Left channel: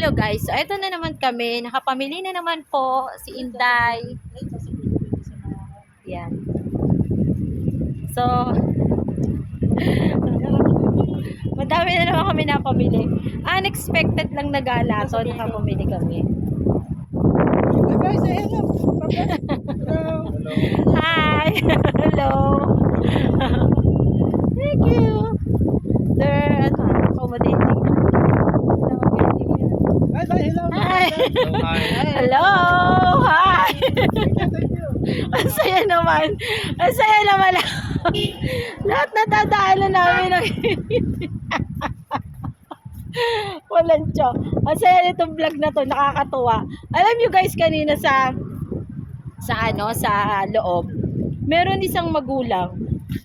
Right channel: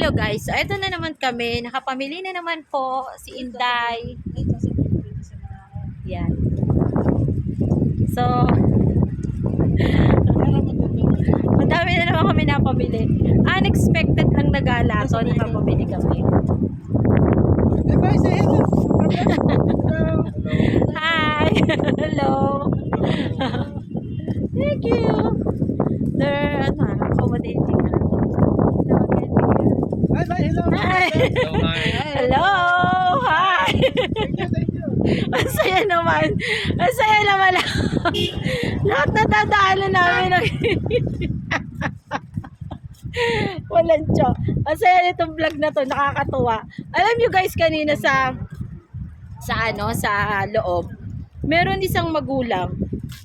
hello guys. So, ito na naman kami. Nakapamili na naman po si Inday. Yan. So, madami na naman kami napamili. Unexpected lang nagala. So, nakapamili kami. Hey guys, say hello. Hi! Hello! Thank you! They're, accommodating. Bye bye, hello. Hi! Hi. Hello! Hi! Thank you. Ang saya naman. Ang saya naman. Lahat na dadaanan namin. Walang tiyo. Ang saya nitong vlog na to. Nakakatuwa. Alam nyo guys, kanina sa loob, meron isang magulang.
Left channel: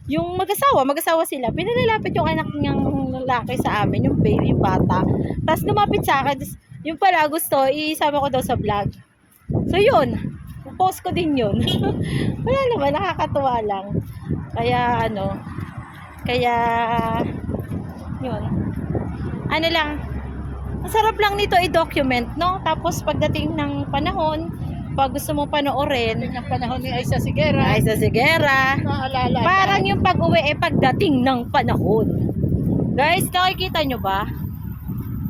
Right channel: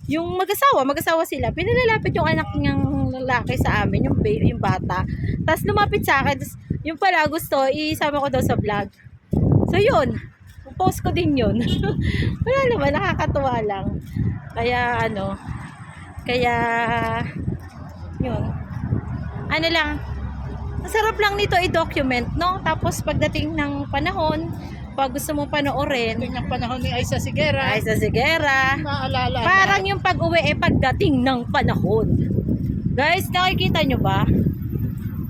Yung mag-asawa sila. Pinalalapit yung anak niyang lalaki sa amin, yung baby, yung bata. Tapos lumapit sa akin. Tapos, yung pala gusto, isama ko daw sa vlog. So yun, post ko din yun. Wala naman, nakakatuwa lang. Kaya yun. Ano lang, masarap lang nito i-document, no? Tapos pagdating ng panahon, pag gusto mo panoorin, Tingnan panahon ni Aisa Sigera. ay sa Sigera, Naalala. parang yung pag-uwi pagdating ng panahon. Guys, nakikita nyo ba?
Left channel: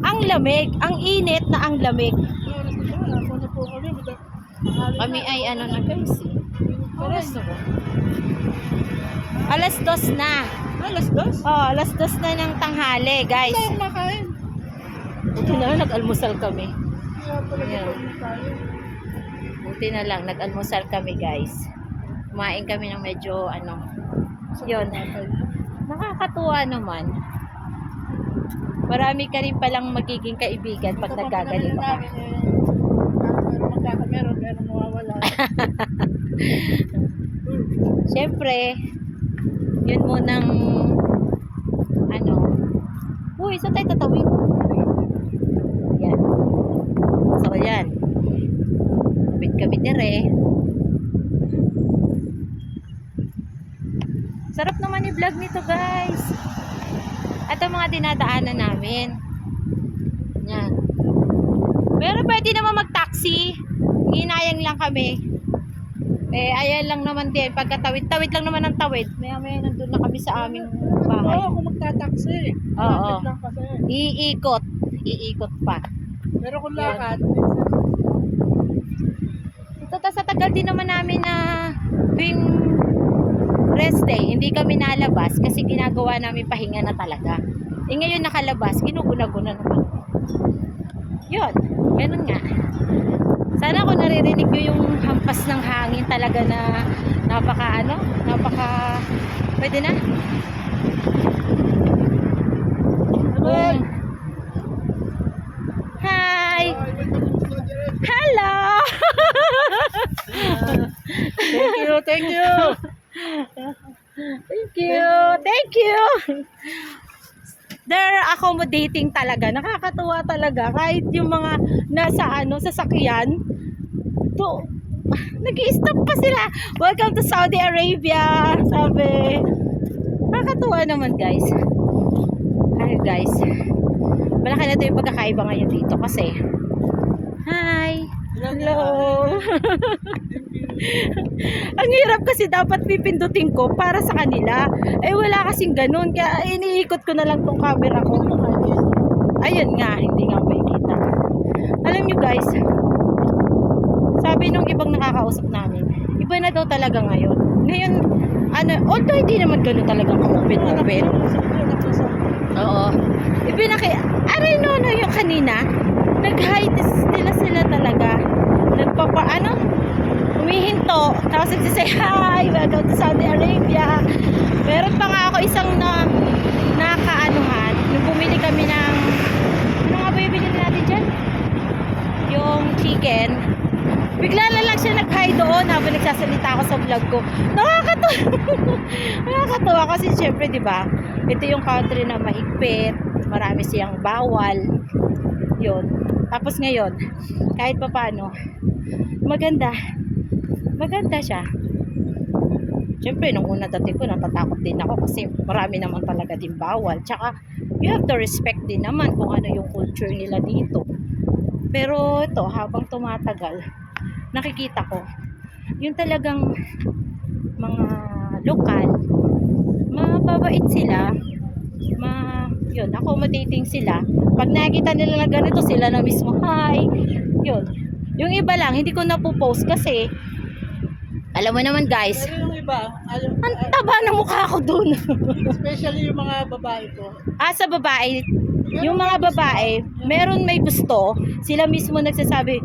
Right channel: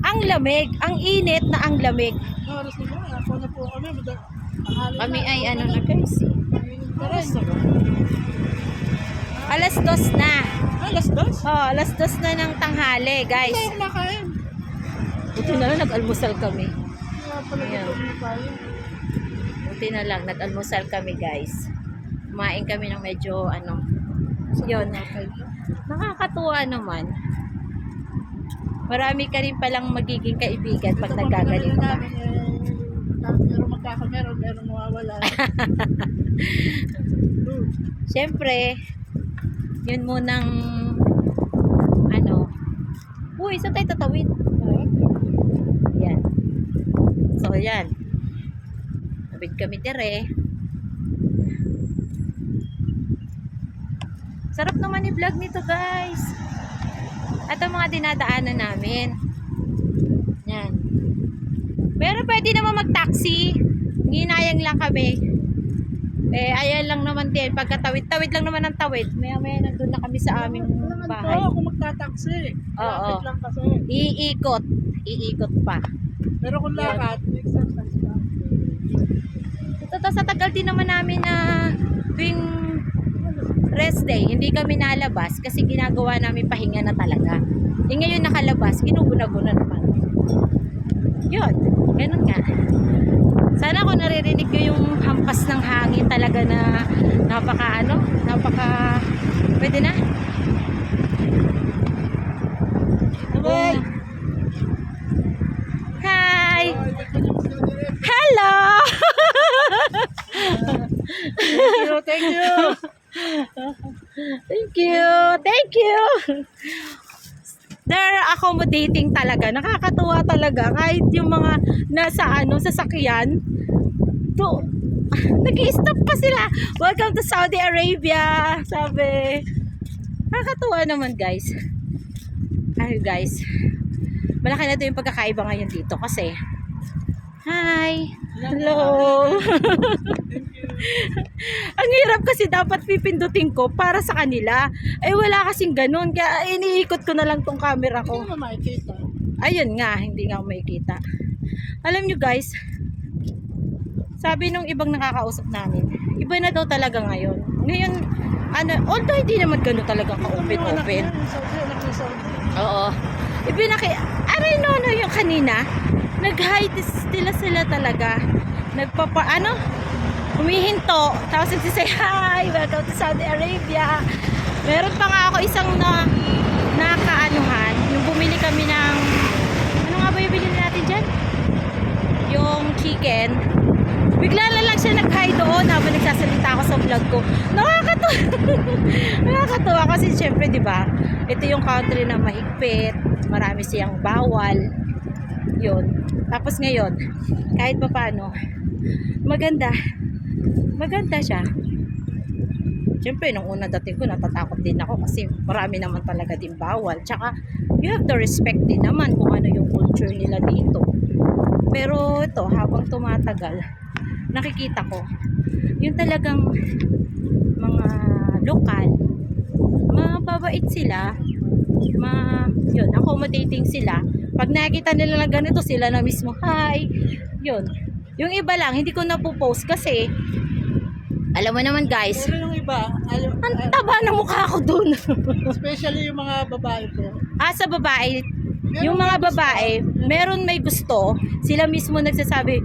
Ang lamig, ang init na ang lamig. Oras na ba? Ako na po kami. Kami ay na guys eh. Oras na ba? Alas 2 na. Alas dos? Oh, alas 2 na ng tanghali, guys. Wala akong makain. Buti na lang nag-almusal kami. Kaya pala Ayan. na tayo. Buti na lang nag-almusal kami, guys. Kumain kami ng medyo yun. Nakakatuwa naman. Marami ka rin palang magiging kaibigan pag nagkaganito ka. Meron mawawala. Siyempre, yun munang uy, saan tayo tatawid? Yan. So, yan. Kabit-kabit dire. Sarap naman i-vlog nito, guys. At ang mga dinadaanan namin. Yan. Pero pwede naman mag-taxi. Ginayang lang kami. Ayan lang naman din. Pagkatawid-tawid lang naman ang tawid. Maya-maya nandun na kami sa aming bahay. Oo, kung magta-taxi. Oo. Lapit lang kasi. Iikot pa. Pero kung lakad, Ito sa tagal din naman namin na tuwing rest day, hindi kami nalabas kasi ginagawa namin pahinga na talaga. Ngayon nakalabas, ginuguna-guna naman. Yun, ganun nga. Sana kung naririnig nyo yung hampas ng hangin talaga na napaka pwede na. Hi! Hello! Thank you. Thank you. They're accommodating talaga. Nakakatuwa talaga. Kahit yung mga nasa sasakyan, nag-i-stop pa sila. Welcome to Saudi Arabia. Sabi. Nakakatuwa naman, guys. Ay, guys. Malaki na ito yung pagkakaiba ngayon dito kasi. Hi. Hello. Ang hirap kasi dapat pipindutin ko para sa kanila. Wala kasing ganun. Kaya iniikot ko na lang tong camera ko. Ayun nga, hindi nga makikita. Alam nyo guys, sabi nung ibang nakakausap namin, iba na daw talaga ngayon. Ngayon, although hindi naman ganun talagang ka-open-open. Oo. Aray no, yung kanina, nag-hi sila talaga. Humihinto. Tapos nagsisay, hi, welcome to Saudi Arabia. Meron pa nga ako isang nakaanuhan. Nung bumili kami ng, ano nga ba yung binili natin dyan? Yung chicken. Bigla na lang siya nag-hi doon habang nagsasalita ako sa vlog ko. Nakakatuwa. Nakakatuwa kasi syempre, di ba? Ito yung country na mahigpit. Marami siyang bawal. Yun. Tapos ngayon, kahit pa paano, maganda siya. Siyempre, nung una dating ko, natatakot din ako kasi marami naman talaga din bawal. Tsaka, you have to respect din naman kung ano yung culture nila dito. Pero ito, habang tumatagal, nakikita ko, yung talagang mga lokal, mababait sila, yun, accommodating sila. Pag nakita nila na ganito, sila na mismo, hi, yun. Yung iba lang, hindi ko napopost kasi, alam mo naman guys, Pero yung iba, ang taba ng mukha ko dun. especially yung mga babae po. Sa babae, yung mga babae, meron may gusto, sila mismo nagsasabi,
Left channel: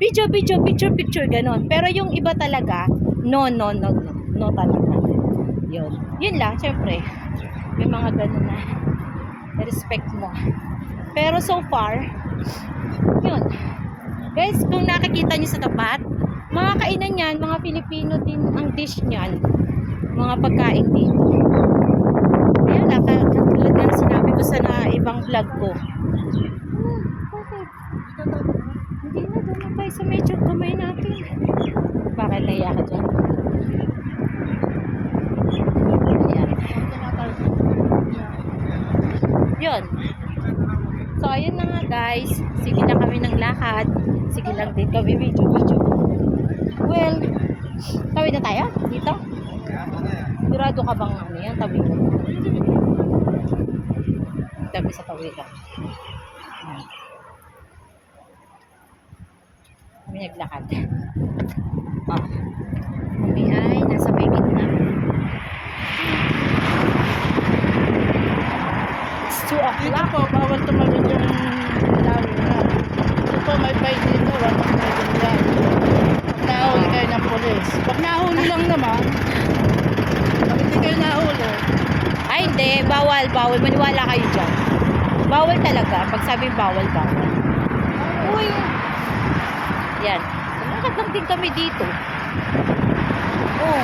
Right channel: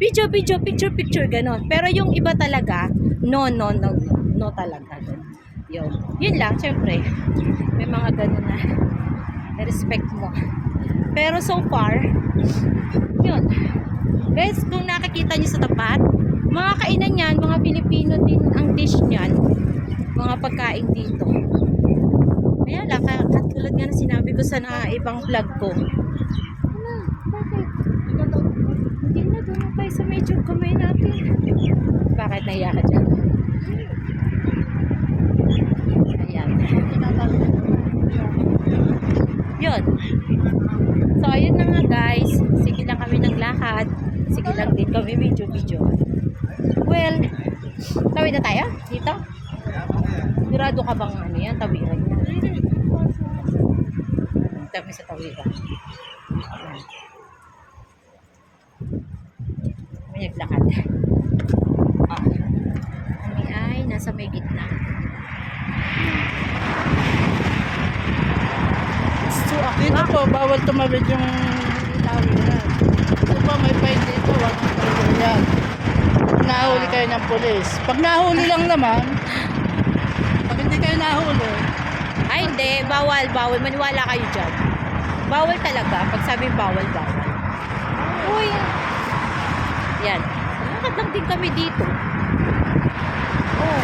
video, video, picture, picture, ganon. Pero yung iba talaga, no, no, no, no, no talaga. Yun lang, syempre, may mga ganon na respect mo. Pero so far, yun. Guys, kung nakikita nyo sa tapat, mga kainan yan, mga Pilipino din ang dish niyan. Mga pagkain dito. Kaya lang, katulad nga na sinabi ko sa ibang vlog ko. Ano? Bakit? Hindi na, doon na tayo sa medyo kamay natin. Bakit nahiya ka dyan? Ayan. Yun. So, ayun na nga guys. Sige lang kami ng lakad. Sige lang din kami video. Well, tawid na tayo? Dito? Sigurado ka bang ano yan? Tawiran yan. Tabi sa tawiran. Ayan. Kami naglakad. Kami ay nasa may gitna. It's 2 Dito o'clock. po, bawal tumawid yung tawiran. Ito po, may fine dito, 100 yan. Nahuli kayo ng pulis. Pag nahuli lang naman, pag hindi kayo nahuli, Ay, hindi. Bawal. Maniwala kayo dyan. Bawal talaga. Pag sabi bawal. Uy. Yan. Lakad lang din kami dito. Oh.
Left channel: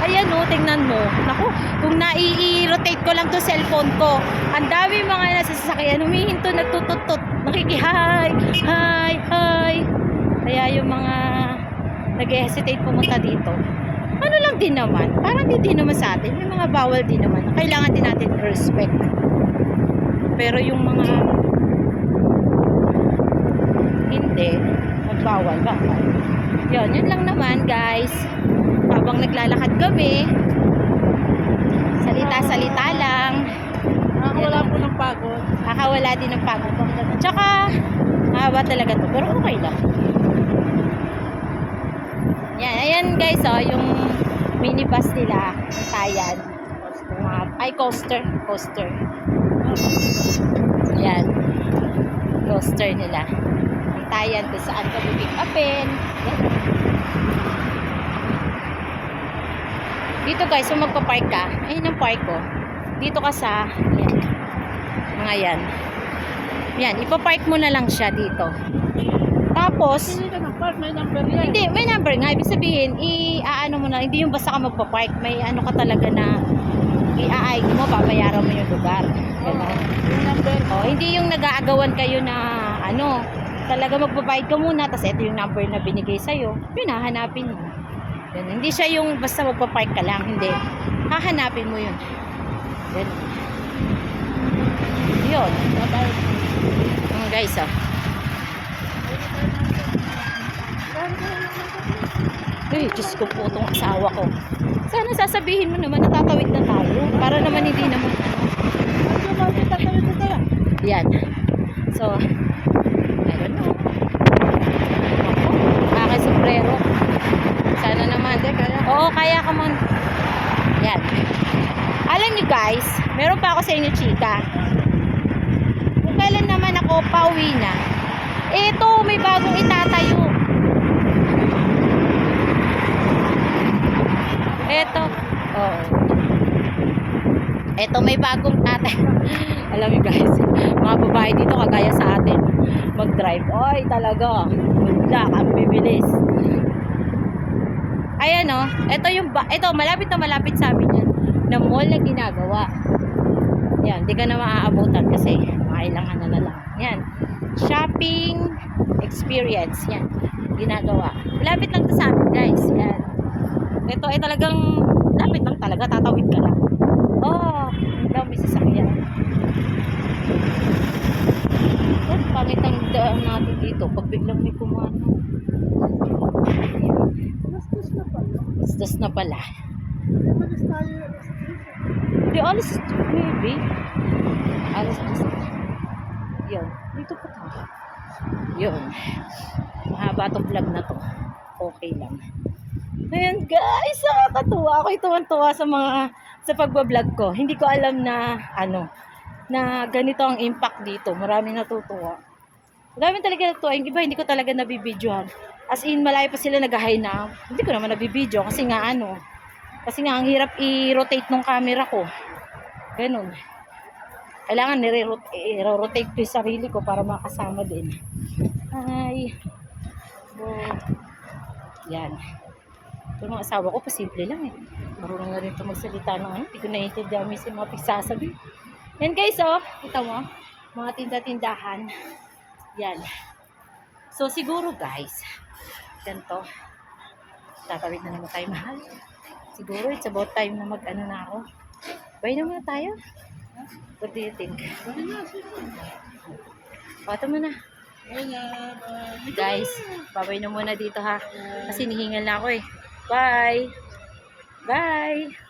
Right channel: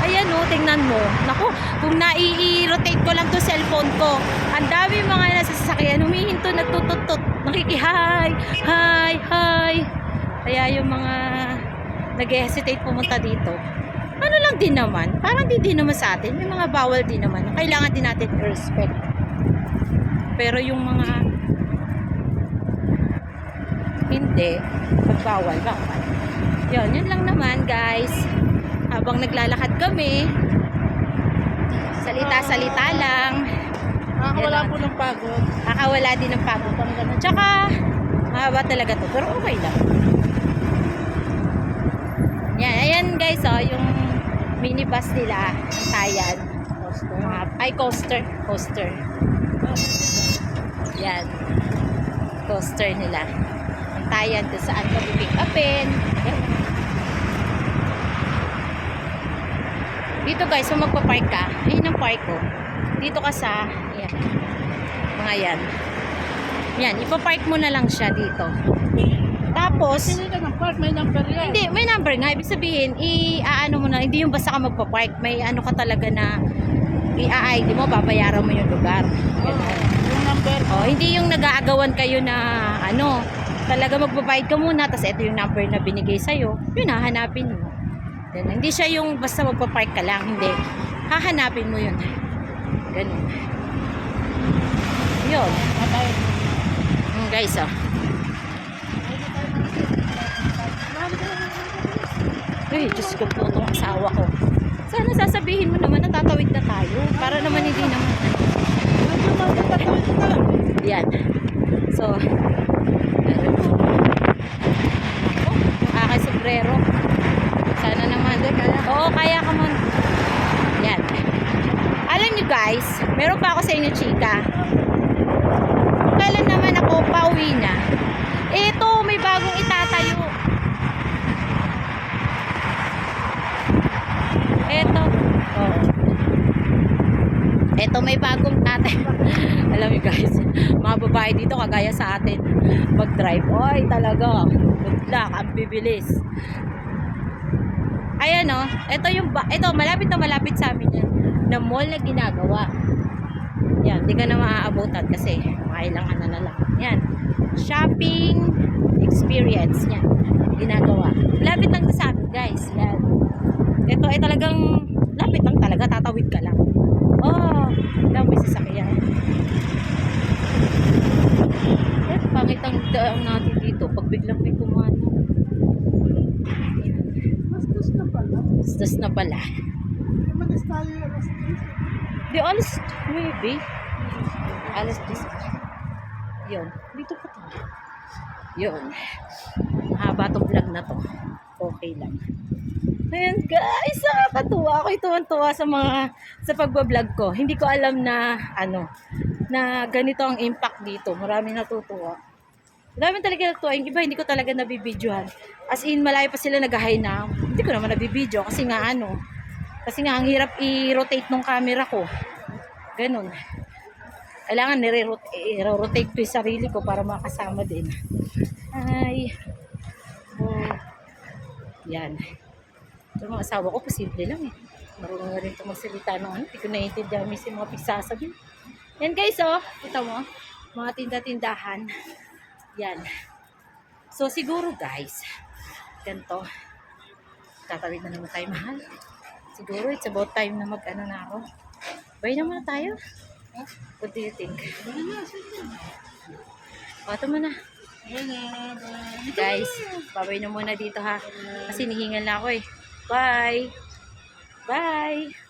Ayan oh, tingnan mo. Naku, kung nai-rotate ko lang to cellphone ko, ang dami mga nasasakyan, humihinto, nagtututut, nakikihay, hi. Kaya yung mga nag-hesitate pumunta dito, ano lang din naman, parang di din naman sa atin, may mga bawal din naman, kailangan din natin i-respect. Pero yung mga hindi, magbawal. Yun lang naman guys. Habang naglalakad kami, salita-salita lang. nakakawala po ng pagod. Kakawala din ng pagod. Tsaka, mahaba talaga to. Pero okay lang. Yan, ayan guys, oh, yung minibus nila, ang tayan. Coaster. Yan. Coaster nila. Ang tayan kung saan ka pick upin. Ganun. Dito guys, kung magpa-park ka, ayun ang park ko. Dito ka sa, ayan, mga yan. Yan, ipa-park mo na lang siya dito. Tapos, Hindi ka ng park, may number yan. hindi, may number nga. Ibig sabihin, i-aano mo na, hindi yung basta ka magpa-park. May ano ka talaga na, i-ID mo, babayaran mo yung lugar. Ganon. Yung number. Oh, hindi yung nag-aagawan kayo na, ano, talaga magbabayad ka muna, tapos ito yung number na binigay sa'yo, yun, hahanapin mo. Ganun. Hindi siya yung basta magpa-park ka lang, hindi. Hahanapin mo yun. Ganun. Yun. Guys, oh. Ay, Diyos ko po itong asawa ko. Sana sasabihin mo naman natatawid na tayo. Para naman hindi naman ano. Yan. So, meron na. Ako, aking sombrero. Sana naman. Oo, kaya ka mo. Yan. Alam nyo guys, meron pa ako sa inyo chika. Kung kailan naman ako pauwi na, eto, may bagong itatayo. Eto. Oo. Eto, may bagong tatayo. Alam nyo guys, mga babae dito kagaya sa atin, mag-drive. Oy, talaga. Mag-black, ang bibilis. Ayan o, ito malapit na malapit sa amin yan, na mall na ginagawa. Yan, di ka na maaabutan kasi mga ilang ano na lang. Yan, shopping experience, yan, ginagawa. Malapit lang sa amin guys, yan. Ito ay talagang, lapit lang talaga, tatawid ka lang. Oh, daw may sasakyan. pagdaan natin dito, pag biglang may kumano. Bastos na pala. Bastos na pala. Malis tayo alas 10. Di, alas, maybe. Alas 10. Yun, dito pa tayo. Yun. Mahaba tong vlog na to. Okay lang. Ayan guys, nakakatuwa. Ako'y tuwan-tuwa sa pagbablog ko. Hindi ko alam na na ganito ang impact dito. Maraming natutuwa. Maraming talaga natutuwa. Yung iba hindi ko talaga nabibidyohan. As in, malayo pa sila nag-hi na. Hindi ko naman nabibidyo kasi nga kasi nga ang hirap i-rotate nung camera ko. Ganun. Kailangan nire-rotate ko yung sarili ko para makasama din. Ay. Oh. Yan. Ito mga asawa ko, pasimple lang eh. Marunong na rin ito magsalita ng ano. Hindi ko naiintindihan minsan mga pagsasabi. Yan guys, oh. Kita mo, mga tinda-tindahan. Yan. So siguro guys, ganito. Tatawid na naman tayo, mahal. Siguro it's about time na mag-ano na ako. Bye na muna tayo. What do you think? Pato mo na. Guys, babay na muna dito ha. Kasi nihingal na ako eh. Bye! Bye!